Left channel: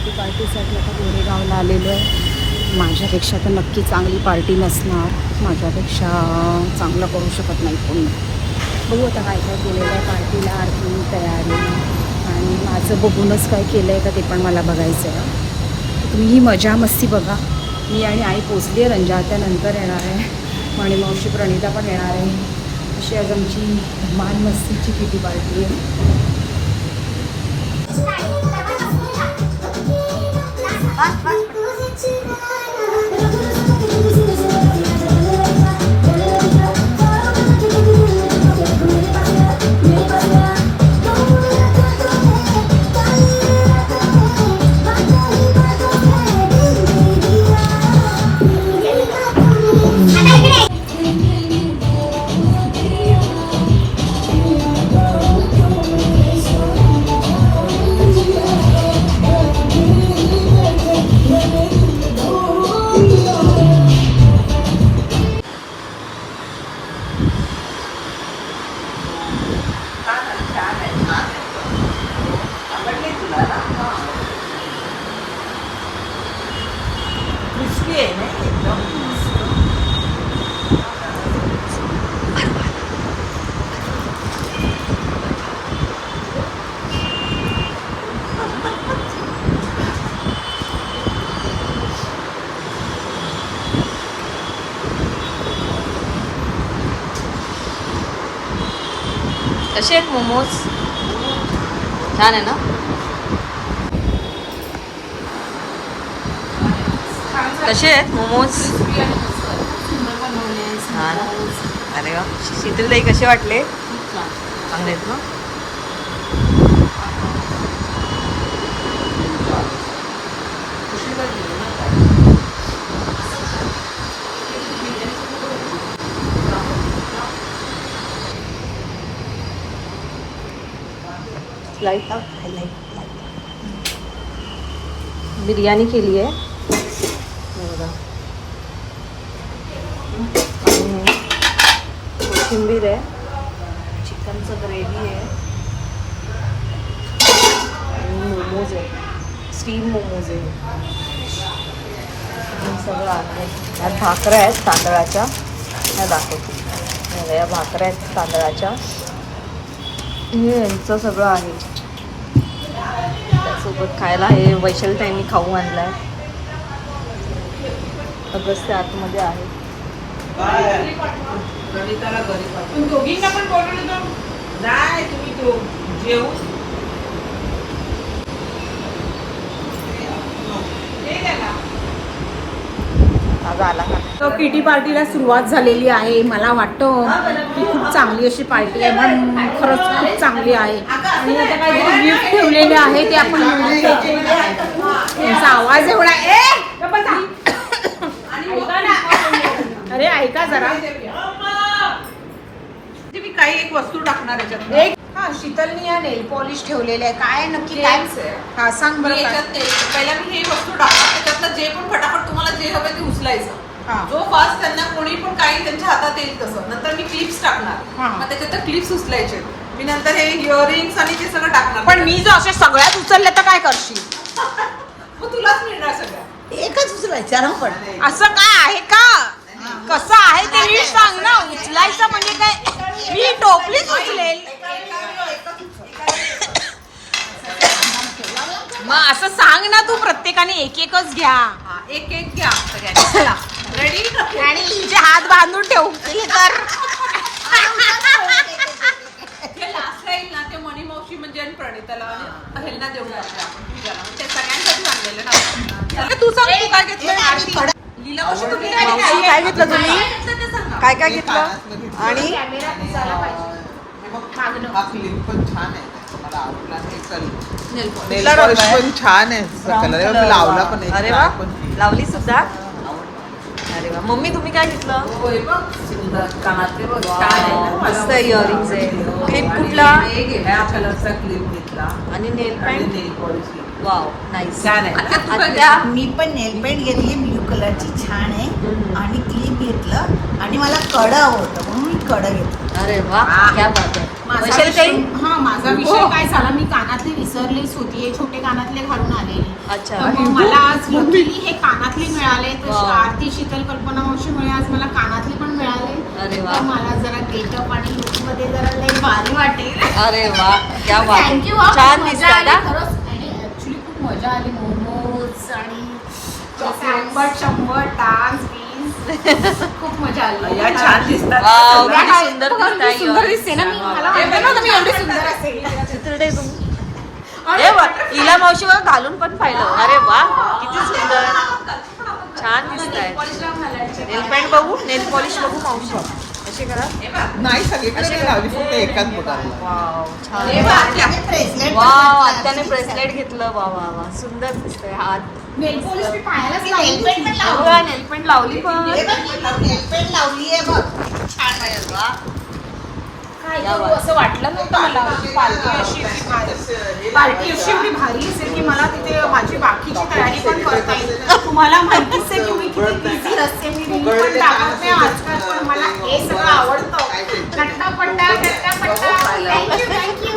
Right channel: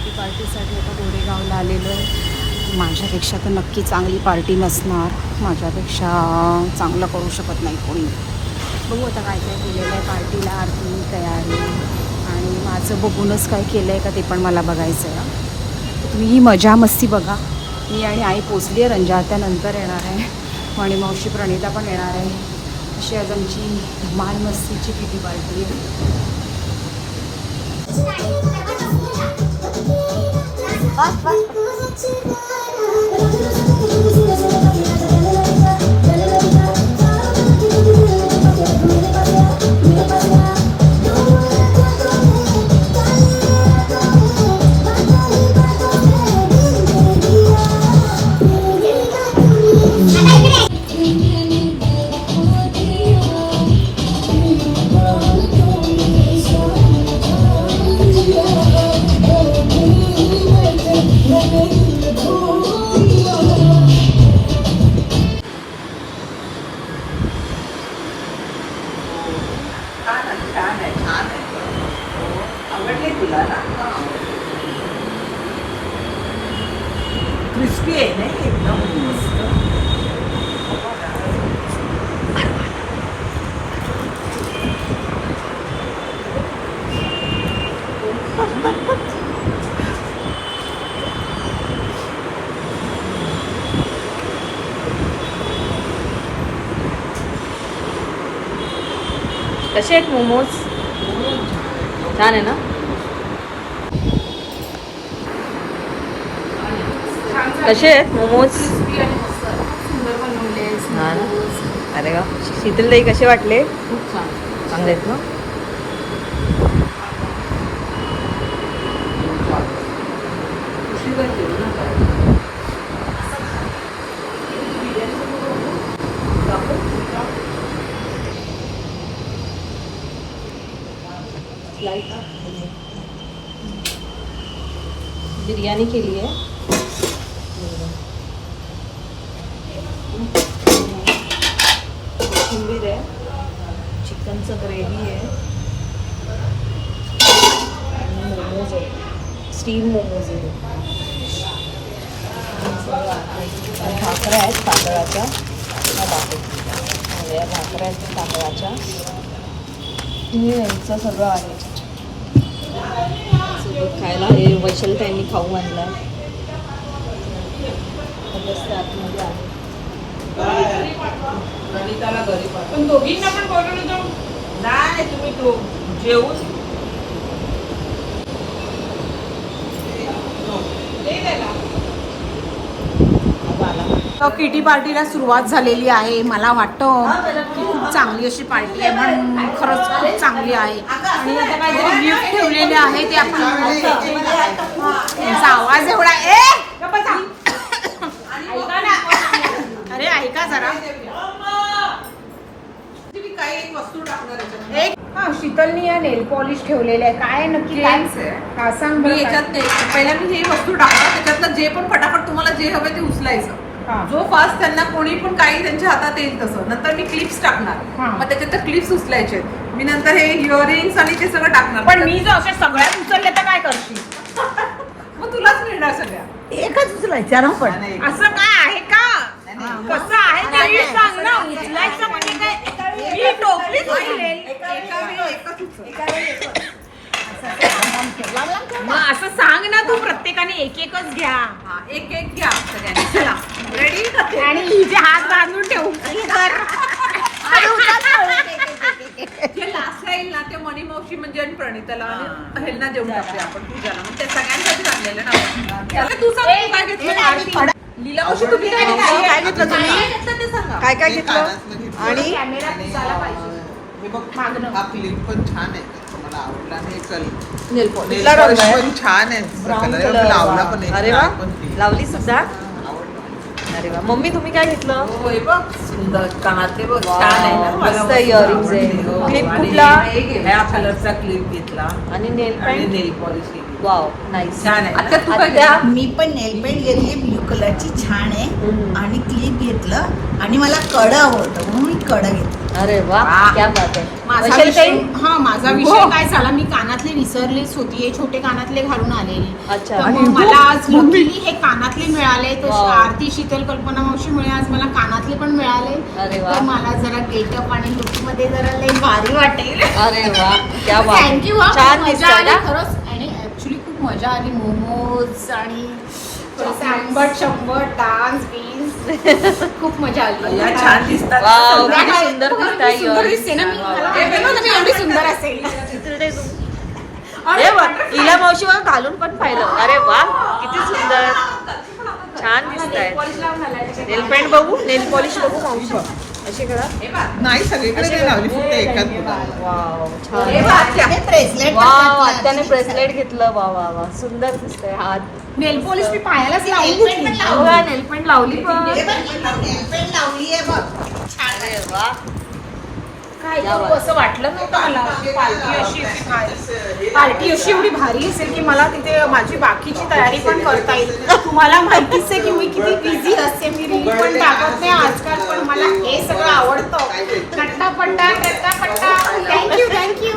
Kitty पार्टीसाठी आता गोरेगावला आलेलो आहे. माझ्यापेक्षा तर नक्की चांगली पार्टी नसणार, माझ्यापेक्षा चांगलं करू शकत नाही कोणी. बघू आता काय काय केलेलं आहे पार्टीला, आरती तयारी आणि माझं बघूनच काय केलं आहे का ते पण मला बघायचं आहे. तर तुम्ही ही मजा मस्ती बघा. मी आणि आई पोचली आहे, रंजा आता नंतर येणार आहे आणि मावशी प्रणिता पण येणार आहे. अशी आज आमची धमाल मस्तीची किटी पार्टी आहे. क्रिस्पी आहे ना एकदम मस्त. कसे आहेत मोमोज? छान आहे ना. कसे आहेत मोमोज? हा ना. अरे वा. शीतलताई कसे वाटले? खूप छान. चांगले आहेत ना. लाईट बिर्याणी केली आहे. कोथिंबीर आहे, चिकनचं ग्रेव्ही आहे आणि मोमोज आहे, स्टीम मोमोज आहे. सगळं आहे. ह्या भाकऱ्या आहेत तांदळाच्या, ह्या दाखवते. या भाकऱ्या आहेत तांदळाच्या. हे यांचं सगळं आहे. त्यासोबत खायला हे वैशाली ताईंनी खाऊ आणलं आहे. अगस्त आतमध्ये आहे. पण दोघींना पण बोलवलं तर नाही, तुम्ही तो जेवून आला का. तर किटी पार्टीला सुरुवात झालेली आहे. मला वाटतं की खूप चांगली अशी पार्टी आहे, पण खरंच खूप चांगली आहे. आणि आता काहीतरी गिफ्ट ठेवलेले आहे ते आपण बघू शकतो. त्यांचा आवाज एवढा अरे ऐका जरा. मी काही एक वस्तू टाकणार याच्यात. एक शीतलनी या नेल पॉलिश ठेवलेले आहे. काय नक्की काय? हा सांग मी बरं काय? याच्यात पहिला मी ही वस्तू टाकणार, त्याच्यातलं जे पण फटाफट तुम्हाला जे हवे ते उचलायचं. जो फास्ट त्यांना कोणी पण काही त्यांच्या हातात येईल तसं. नंतर मी क्लिप्स टाकणार, मग त्याच्यात क्लिप्स उचलायचे. मी नंतर हे इयरिंग्स आणि ते सगळं टाकणार. पण मी जर अशा सगळ्यात उचलल्या तर काय करशील? मग तुलाच मिळणार सगळ्या. एकच उचलायचं ना पण. असं काय आहे का? कसं आहे ते नीट सांग ना. उचलायचं म्हणजे काय? मी टोपलीच उचलेल. मग असं सांग ना तू. प्रत्येकाने एक एकच घ्या. एक एक घ्या सगळ्यांनी. चला रेडी. आणि हिचे हात बांधून ठेवू की तर हे लास्ट राहील ना ते मणी मावशी म्हणजे आणि प्रणिताला आणि ह्यांना देऊन टाकूया आपण पूजाला. मग ते सगळ्यांसाठी आणलेलं ना. तू सांग तू काय घेतलं? लीला मावशी तू किती मावशी काय घेतलं तुम्ही? काय घेतलं ते सांगा. काय काय घेतलं? आणि हे बघ, हा क्लिप पण छान आहे, मला आवडला. हे कल कुठला रंग आहे? पण छान आहे. Brown colour colour. लावला पण एक अरे वा, लाल पण क्लिप. लावली सुद्धा. आवडलं. अरे वा. मम्मी तुम्ही काय घेतलं? होय बघ सुंदर कानातले बघ छान आहे ना. मस्त इयरिंग्स आहे. क्लिप कुठला? ह्या कलरचा क्लिप घेतला आणि नेल आणि पॅन्ट. नेल पॉलिश घेतली. Wow nice. छान आहे. आता तू काय आत्या मी पण नेल पेंट घेतली ब्ल्यू कलरची, छान आहे. आणि क्लिप घेतलं आणि मला कडं हवं होतं म्हणून मी कडं घेतलं. अरे वा क्या बात आहे. माझा वैशाली ताई? विषय माझा विषय काय झाला, मी कानातले विसरलेच होती. हे छोटे कानातले घालून आलेले. अच्छा. तर मग मला आज लकीली हे कानातले मिळाले. तर वाव. आरती शीतल कल्पना मावशीमुळे आज मला कानातले पण मिळाले. अरे वा. तर मला जरा गेटअप आणि लुक मध्ये जरा लई भारी वाटेल. अरे वा क्या बात आहे. थँक्यू. छान मजा दिसतंय आली ना. खरंच. आणि ऍक्च्युली खूप मजा आली. मोमोज आणि थोडेसे आंबट शंबट डान्स बीन्स खूप मजा आली. छान दिसतात. वाव किती संध्याकाळी सुंदर बघा, दिसताय किती सुंदर दिसते ना मी. मला वाटलं नव्हतं मी एवढी सुंदर असेल. हे बघ इला मावशी बघ घालून पण पाहिलं. अरे वा किती सुंदर छान दिसत आहेत. नेल पेंट बघू, नेल पॉलिश बघू मावशी. अशी करा. नाही सगळीकडे नाही लावली, फक्त एकाच बोटाला. वाव छान. ब्रेसलेट वाव आत्याने ब्रेसलेट घेतलं. वा वा वा सुंदर दिसतंय. हात नेल पॉलिश मी पायालाच लावून घेतली. बघा नेल पेंट लावली पण. पेंट लावली आहे बघ. अरे वा काय करू असं वाटलं नव्हतं मला. पार्टी अशी एवढी भारी असेल की मला तिथे माझी बाकीची तयारी पण करता येईल. तुम्हाला माहितीच आहे की मी किती बिझी असते. मी रील पण टाकत नाही आजकाल, पण मला हे सगळं आवडतं. नट्टापट्टा नट्टापट्टा. थँक्यू.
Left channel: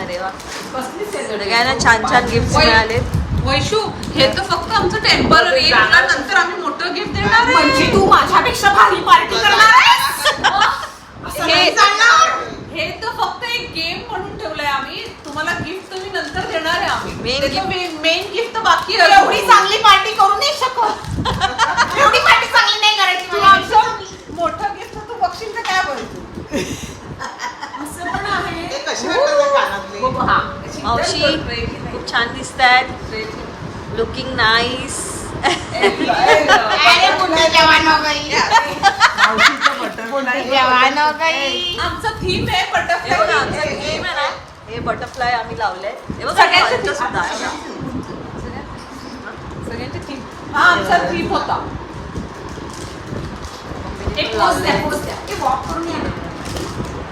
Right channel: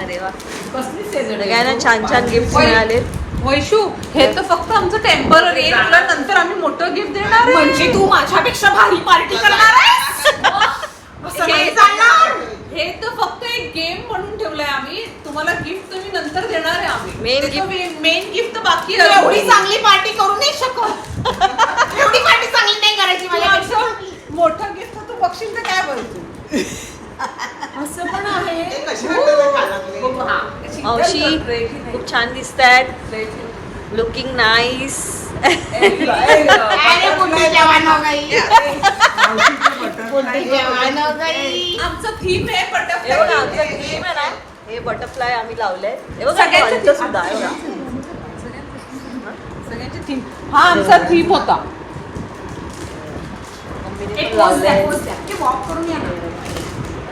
अरे वा सगळ्यांना छान छान गिफ्ट मिळाले. वैशू हे तर फक्त आमचं टेम्पररी आहे. तुला नंतर आम्ही मोठं गिफ्ट देणार आहे. म्हणजे तू माझ्यापेक्षा भारी पार्टी करणार आहेस? हे तर फक्त एक गेम म्हणून ठेवलंय आम्ही. तुम्हाला गिफ्ट तुम्ही नंतर देणार आहे आम्ही. मेन गिफ्ट तर बाकी तू आहे. एवढी चांगली पार्टी करू नाही शकत. एवढी पार्टी चांगली नाही करायची तुला मला. असं मोठं गिफ्ट तू बघशील तर काय बोलतो. असं पण आहे. बघू हा. मावशी खूप छान दिसत आहेत. Looking nice. अरे बुड्ढी जवान हो गई. बुड्ढी जवान हो गई. आमचं थीम आहे हे बघा आमचा गेम आहे ना, हे बटरफ्लाय आम्ही लावलंय. हे बघा पंच सुद्धा आहे बघा. सगळ्यांचे थीम. हा आमचा थीम होता. मम्मीने पण लावलंय.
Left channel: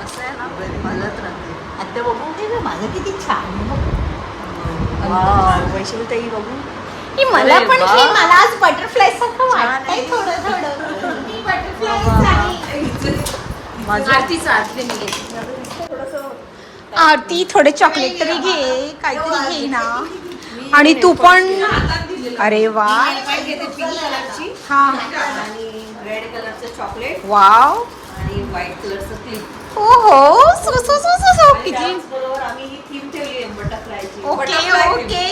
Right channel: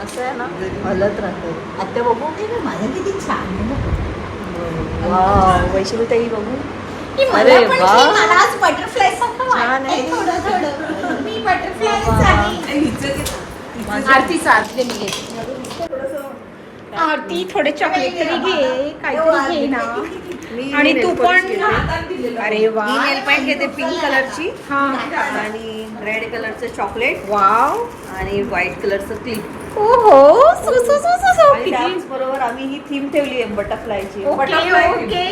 असं आहे ना हलत राहते. आत्या बघू. माझं किती छान आहे बघ. वाव वैशाली ताई बघू. ही मला अरे पण वा. छान, मला आज बटरफ्लाय सारखं छान वाटतंय आहे. थोडं थोडं. मी बटरफ्लाय वा, वा, वा. आहे. माझं आरती थोडे चॉकलेट तरी घे, काहीतरी घे ना. आणि तू पण. अरे वा. नेल पेंट घेते पिंक कलरची हा. आणि रेड कलरचं चॉकलेट वाव. आणि व्हाईट कलरचं क्लिप. ओहो. किती. बरोबर आम्ही ही थीम ठेवली आहे बटरफ्लायची. Okay okay.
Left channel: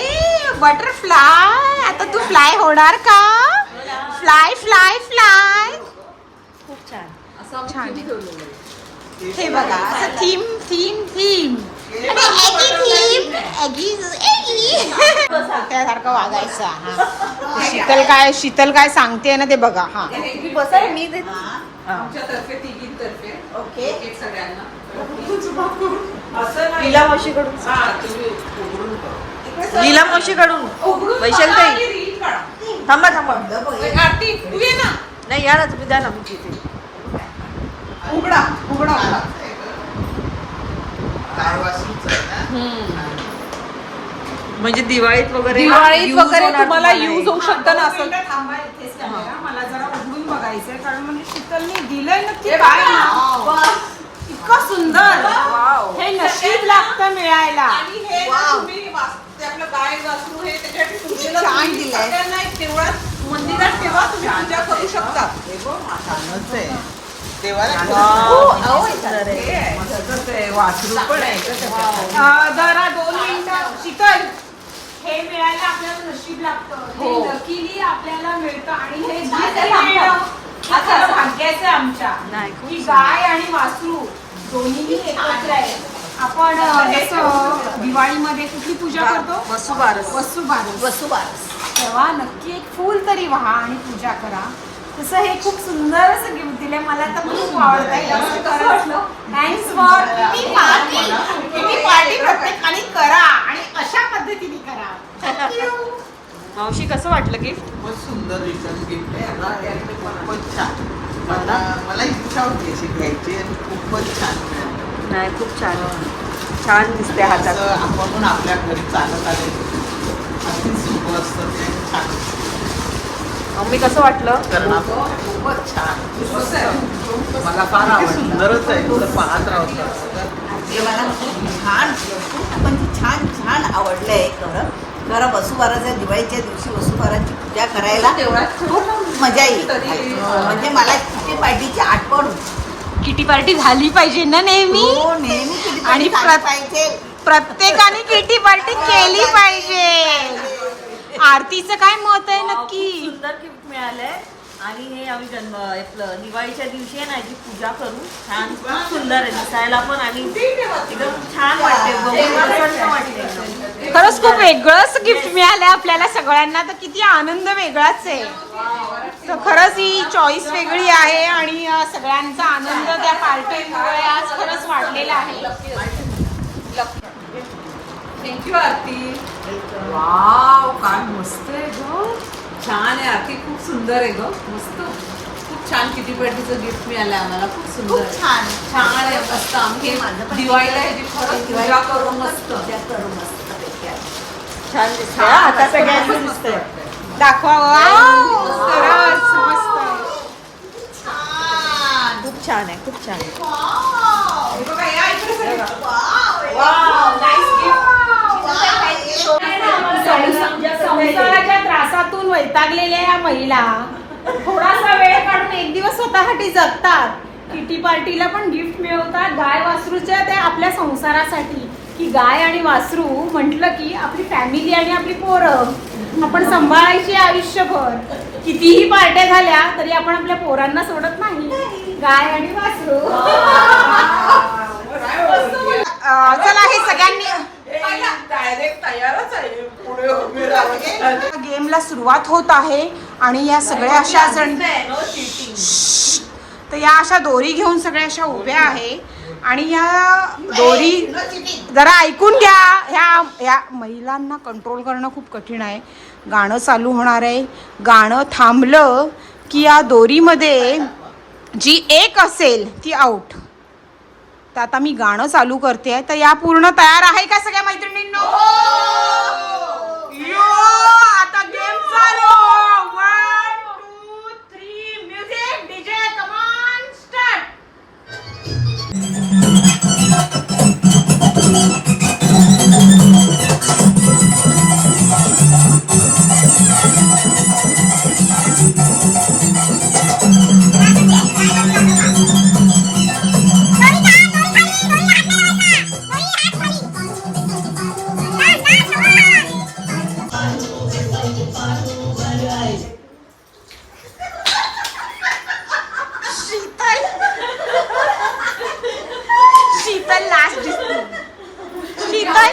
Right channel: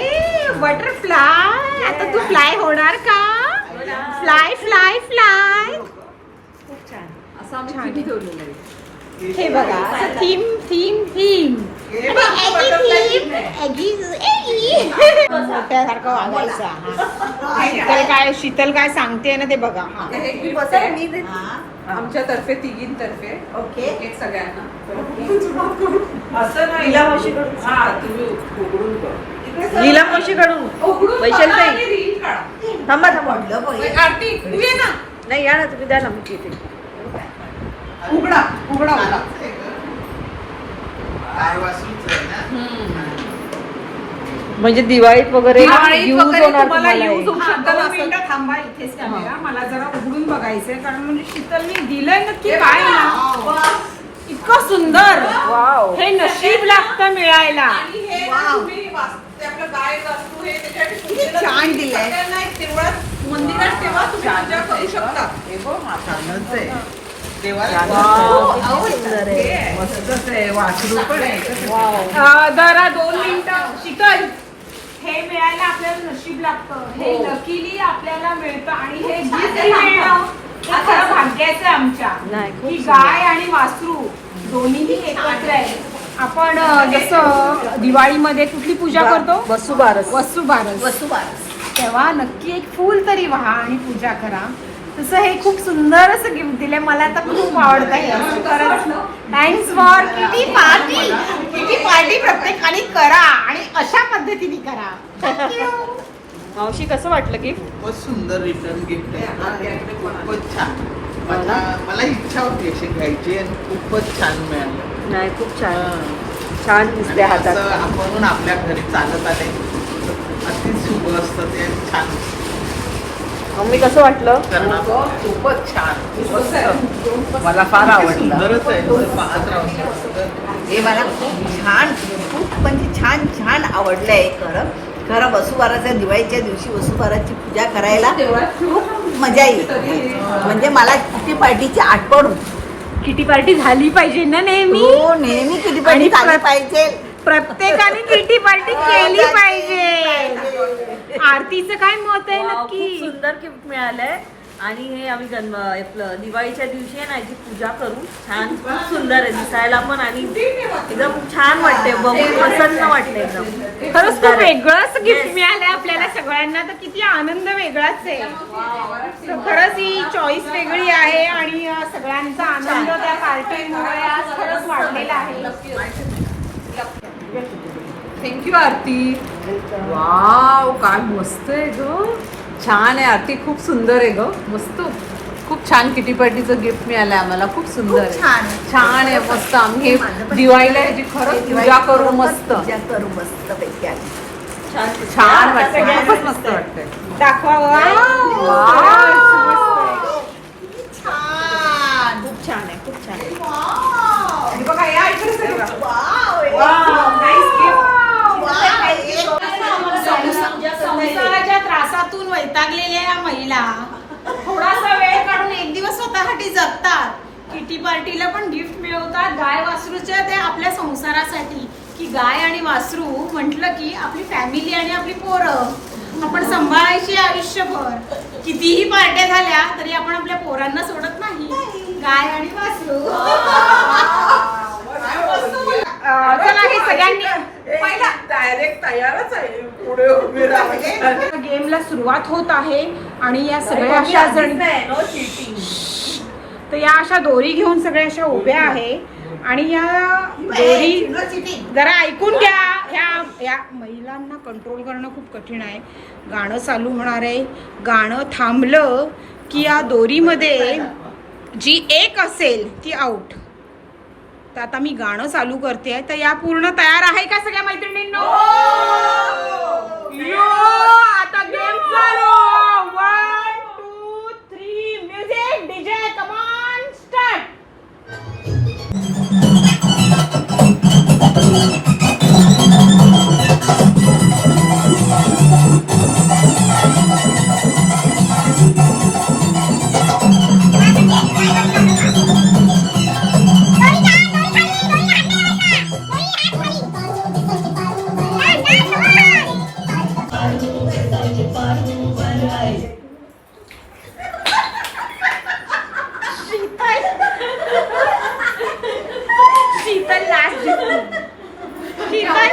बटरफ्लाय. आता तू फ्लाय होणार का? Fly fly fly. छान आहे. हे बघा असं थीम थीम थीम. मोठ्यासारखं वागायचं. हा शीतल काय सांगते ना ते बघा. हा मी ते आमच्यातर्फे तिघींतर्फे ओके एक सगळ्यांना. लीला मावशीकडून. हा तुम्ही उघडून कर. लीला मावशीकडून. उघडून वैशाली बघा ताई आणि रील काढा. थांबा थांबा. आरती तू ये ना. नाही या ना तुम्ही द्या ना मी घेते. उघडा उघडा उघडा. म्हणजे दिवाळीत वगैरे दिवाळीत यूज वगैरे होणार तुम्हाला तुम्हाला हे. use होऊ शकतं ना असं. थांबा इथेच कॅमेरा. मला जरा उघडून बघायचंय कारण म्हणजे शीतलने दिलंय नक्की काय ना. इतकं सुंदर. वाव हे नशीब लागतं मिळायला. आणि हे ना तुम्ही ते आपलं गाय वासरू हे त्याच्यासाठी पूजेला छान तुम्ही दिलंय. सगळ्यांना एक तेवढाच मंदिरात ठेवा तुम्ही पूजा करू शकता. छानच आहे. वाव किती सुंदर आहे. मस्तच आहे. वासरू पण आहे. वाव जरा 2 मिनिटं. शीतल हे मिळायला आपल्याला नशीब लागतं. हे लकीली आपल्याला मिळतं आणि हे गिफ्ट मिळणं हे खरं भाग्याचं आहे आमच्या. नाही, खूप की सुंदर. गाय आणि वासरू दोन्हीही एकत्र आहे. आपण जसं दिवाळीमध्ये कुठली पूजा करतो? वसुबारस. वसुबारस. तेव्हा नक्की एक फूल तरी व्हा आणि पूजा करा. तसं हे खूप सुंदर असं गिफ्ट दिलंय. मला तर खूप आवडतंय. थँक्स फॉर किटी पार्टी प्रत्येकाने करा आणि अशा पद्धतीने करा. मावशी कसं वाटलं गिफ्ट? खूपच सुंदर रिटर्न गिफ्ट आहे ना. हे खूपच छान. मला इच्छा होती अशी घ्यायची आणि खूपच छान मिळालं. नाही खूप छान आहे. छान दिसते हातात. असं आपण आपल्या घरी चालत आले अगदी शुभ असतं ते छान. मम्मी कसं वाटलं? खूपच छान, मस्त. मला फार आवडलं. हे मला खूप म्हणजे छान आवडलं आहे. खरं वसुबाराच्या दिवाळीच्या दिवशी वसुबाराची पूजा करायला खूप मजा येईल. म्हणजे मला किटी पार्टीची आठवण होती. किटी पार्टी झाली पाहिजे ना नेहमी. हो, नेहमी किटी पार्टी झाली पाहिजे. प्रत्येकाने किटी पार्टी केली पाहिजे. आरतीचं काय मत आहे नक्की? खूप सुंदर गिफ्ट मिळालंय आणि हे आम्ही दिवाळीच्या दिवशी आहे ना याची पूजा करू. छान, खूप सुंदर आहे दिसायला पण आणि एकदम छान वाटते, बघून प्रसन्न वाटलं एकदम. खरंच खूप वेगळंच गिफ्ट मिळालंय आपल्याला सगळ्यांना, तर किती आनंद वेगळाच आहे. तर खरंच ही चॉईस वेगळी आहे आणि सगळ्यांचा आनंद त्या पार्टीमुळे आज खरंच वाढलेला आहे. थँक्यू आरती. वाव, काय मस्त आहे ग. छान आहे आरती, खूप सुंदर आहे ग, मस्त. खूप छान किटी पार्टीचं गिफ्ट मिळालंय आम्हाला, खूप सुंदर आहे. छान आहे, मस्त. आम्ही हे दिवाळीला ह्याची खरंच पूजा करू, मस्त पैकी आहे. छान सगळ्यांनाच मस्त वाटतंय. दाखवा. वाव, खरंच मस्त आहे. खूप छान आहे, खूप छान आहे. हे बघा, या इकडे सगळे. संसाराच्या त्रासातून वैतागलेल्या या महिला थोडासा वेळ काढून एक दिवस स्वतःसाठी जगतात. किटी पार्टीला पण गिफ्ट मिळवतात गाय वासरूच्या त्या आपल्या संसारासाठी. की गाय आणि वासरू म्हटलं की आपली फॅमिली आणि आपली पोरं आपण सांभाळायची आयुष्यभर. कितीही पार्ट्या झाल्या तरी आपण आपल्या पोरांना सोडत नाही. गाय आणि वासरू. चला, हे सगळ्यांनी गेमला सुरुवात होत आहे आणि या सगळ्या अशा जण तर या अशा दोरी घेऊन सगळ्या अशा उभ्या आहे आणि या दोरी जरा ऐकून घ्या. ह्या महिलांना कंट्रोल करणं खूप कठीण आहे. गाणं चालू होणार आहे. गाणं थांबलं की या दोरीमध्ये जी एक असेल ती आउट. तर आता मी गाणं चालू करते. तर या पूर्ण तयार आहे का सगळ्या मैत्रिणींनो? यो, आता गेम चालू. 1 2 3 music. DJ come on, start. Sheetal last दिसली. शीतल,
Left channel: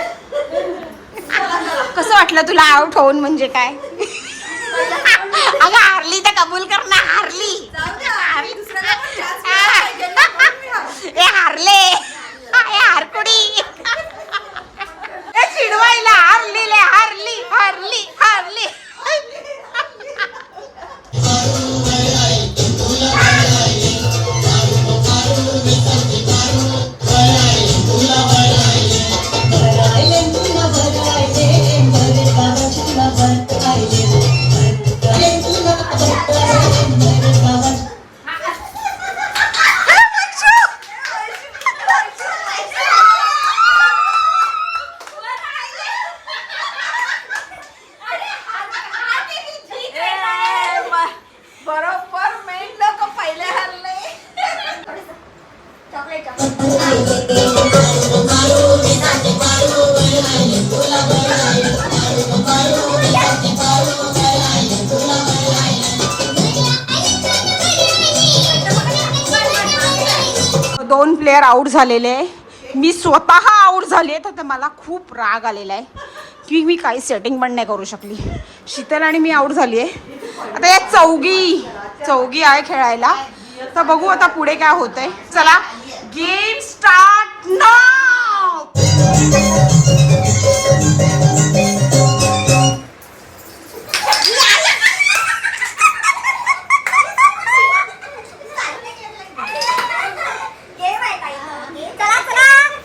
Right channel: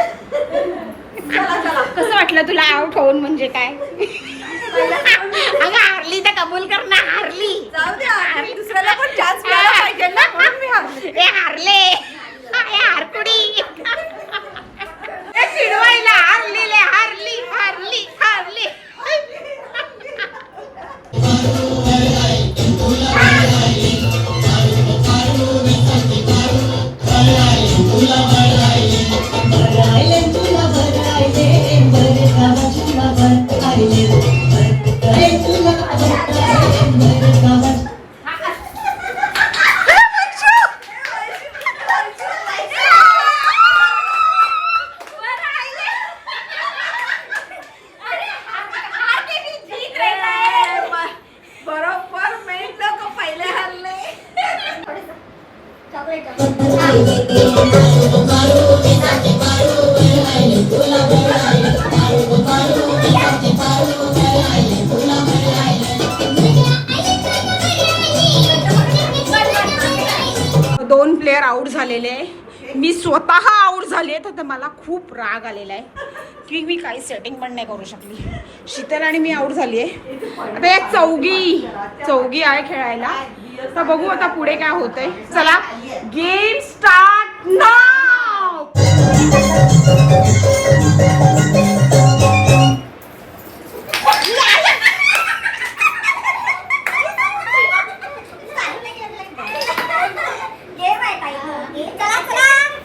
कसं वाटलं तुला आउट होऊन? म्हणजे काय? अगं हारली तर कबूल कर ना. हारली. दुसऱ्याला पण चान्स मिळाला पाहिजे ना, म्हणून मी हारले. हे हारले. हे हारकुडी. चिडवायला हारली. दोन प्लेयर आउट झालेले आहे. मी स्वतः आउट झाले. तर मला खूप राग आलेला आहे की मी काही सेटिंग पण नाही करू शकली. शीतल आणि मी आउट झाली आहे. आता या चौघी आहे खेळायला. तर बघू आता पुढे काय होतंय. चला, गेम स्टार्ट नाउ.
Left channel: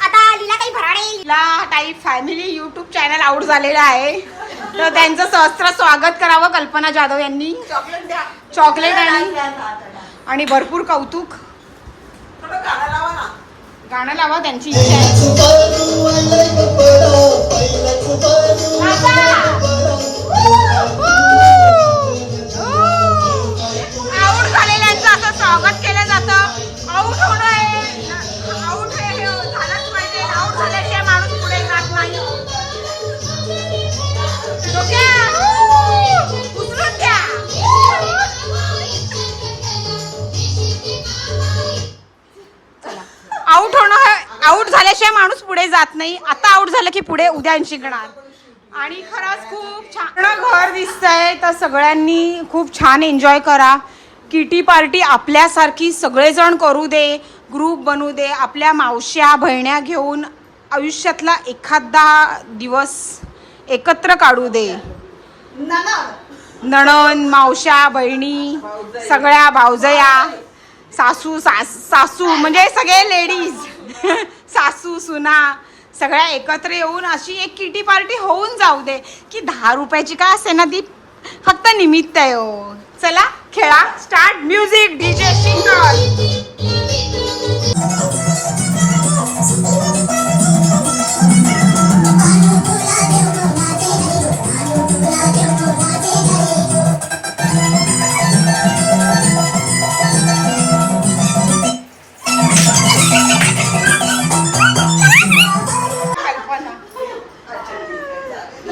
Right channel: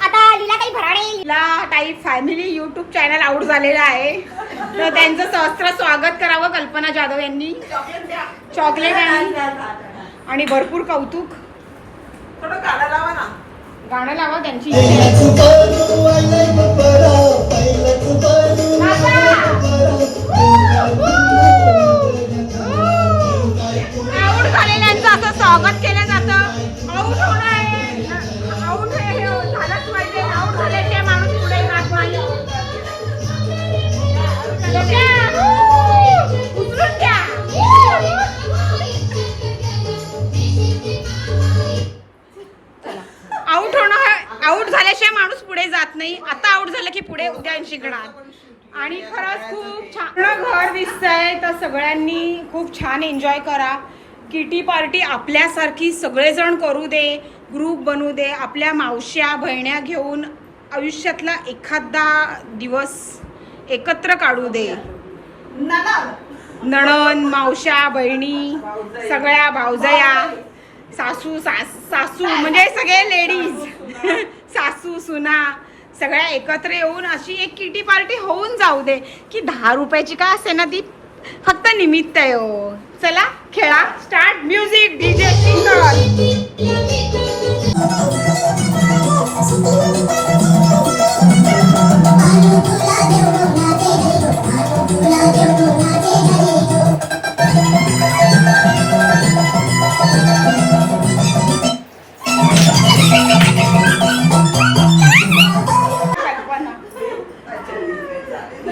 आता लीला काही भराडे झालेला आहे, तर त्यांचं सहस्त्र स्वागत करावं कल्पना जाधव यांनी. चॉकलेट आणि भरपूर कौतुक. थोडं गाणं लावा ना. गाणं लावा, त्यांची इच्छा आहे. आऊट झालेल्यांचं असं स्वागत केलं जातं. आऊट होणं आहे, आऊट हे झालंच पाहिजे. आऊट झाल्याशिवाय माणूस पुढे जात नाही. उचलून द्या. आऊट होणं, आऊट झाल्याशिवाय माणूस पुढे जात नाही. आता आऊट झालं की पुढे उद्या शिकणार. आणि खरंच खूप छान घर दिसतंय, तर सगळ्यांनी खूप छान एन्जॉय करा. किटी पार्टी आपल्यासारखी सगळेजण करू दे, ग्रुप बनवू दे. आपल्या मावश्या बहिण्या घेऊन आयुष्यातला एखादा दिवस एकत्र काढू दे. नणन, मावश्या, बहिणी, सगळ्या भावजया, सासू म्हणजे सगळे लेडीज, सासू सुना सगळ्या एकत्र येऊन अशी एक किटी पार्टी होऊन जाऊ दे. की 10 रुपयाची का असे ना, ती फक्त निमित्त आहे हो. चला खेळा. Start music. डीजे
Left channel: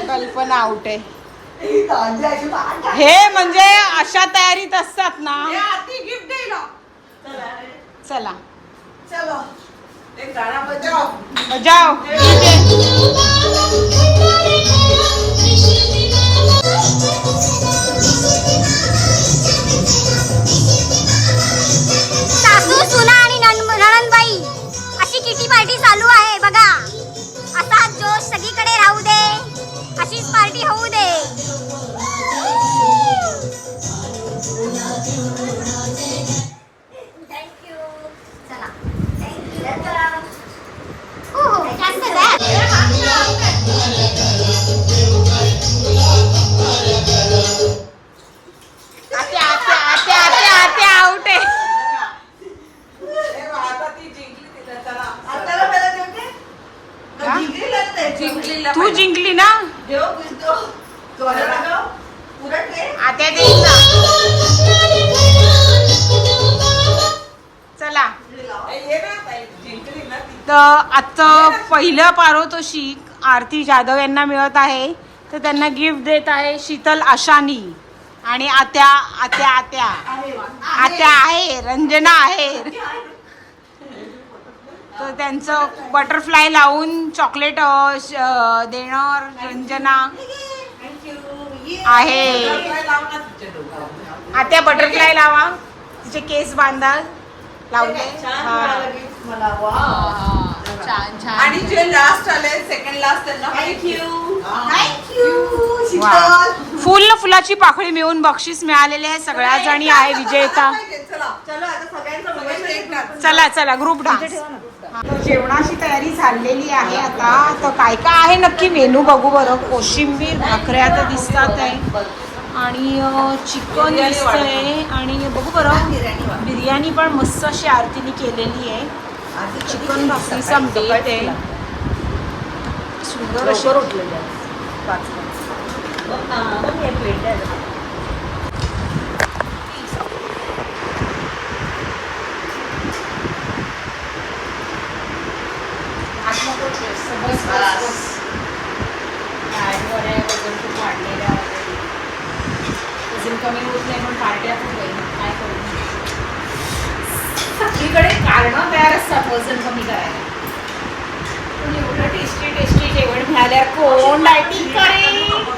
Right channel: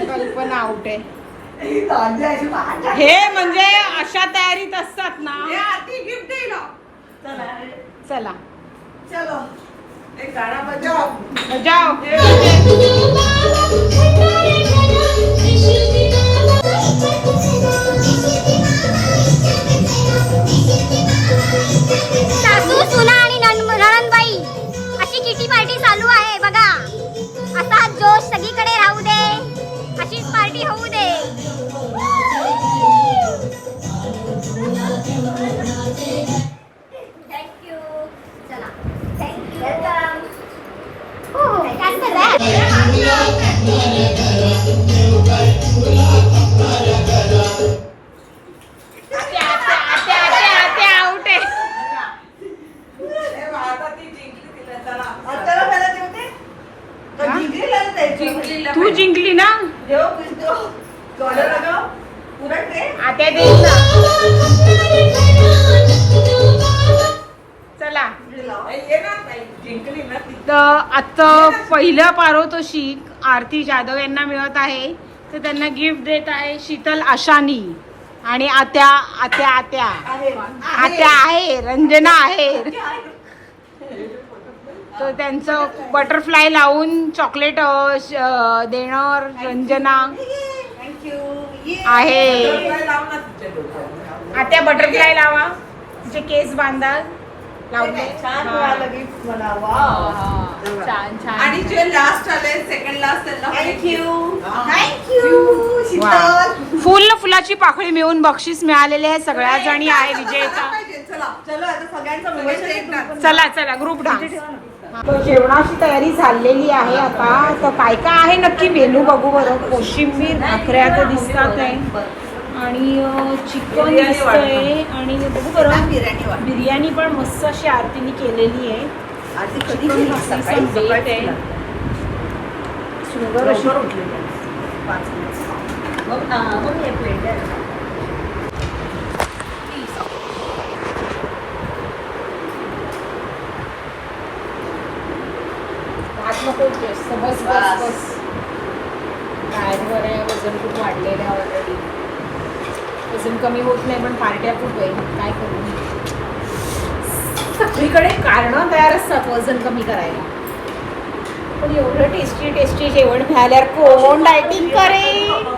कल्पना आउट आहे. हे म्हणजे अशा तयारीत असतात ना. चला बजाव. सासू सुना आणि नणंदबाई अशी किटी पार्टी चालू आहे बघा. असा जोश सगळीकडे राहू दे, अशीच पार्टी होऊ दे. थँक्यू. चला हो जास्त आउट आहे. तू जिंकली ना. आता देईल ना. चला. तर आता पहिलं पारितोषिक आरती जाधव यांना मिळत आहे, तर त्यांना गिफ्ट देत आहे शीतल आशानी. आणि आत्या आत्या आत्या आत्या आहे, रंजना आहे. तर त्यांचं बटरफ्लाय लावून चॉकलेट देणार रंजना आहे. आत्या बटरफ्लाय लावा, तिचे केस बांधा. लावले. छान छान. आणि जे लास्ट आले, सेकंड लास्ट, त्यांना फुलाची पाकळी मिळून बक्षीस मिळालेले आहे. सगळ्या जणी आहे विजेता. चला चला ग्रुप डान्स. जेवणाची तयारी झालेली आहे आता. तर काय काय आहे नक्की मेनू बघू बरं. कोशिंबीर, भाकऱ्या तर दिसतात आहे, आणि चिकन दिसतंय, आणि बघू बरं बिर्याणी पण मस्त अशी आरतीने केलेली आहे. चिकन भाकरीचा बेत आहे, सुंदर अशी. बस बस बस. डाएटवर आहे, वजन खूप वाढलेलं आहे ऑलरेडी. वजन कमी होत नाही, पण पार्ट्या खूप आहे. काय करू, सगळीकडे कारणं तयार असतात वजन कमी करायला. पण एवढं टेस्टी टेस्टी जेवण मिळाल्यावर कोण डायटिंग करेल.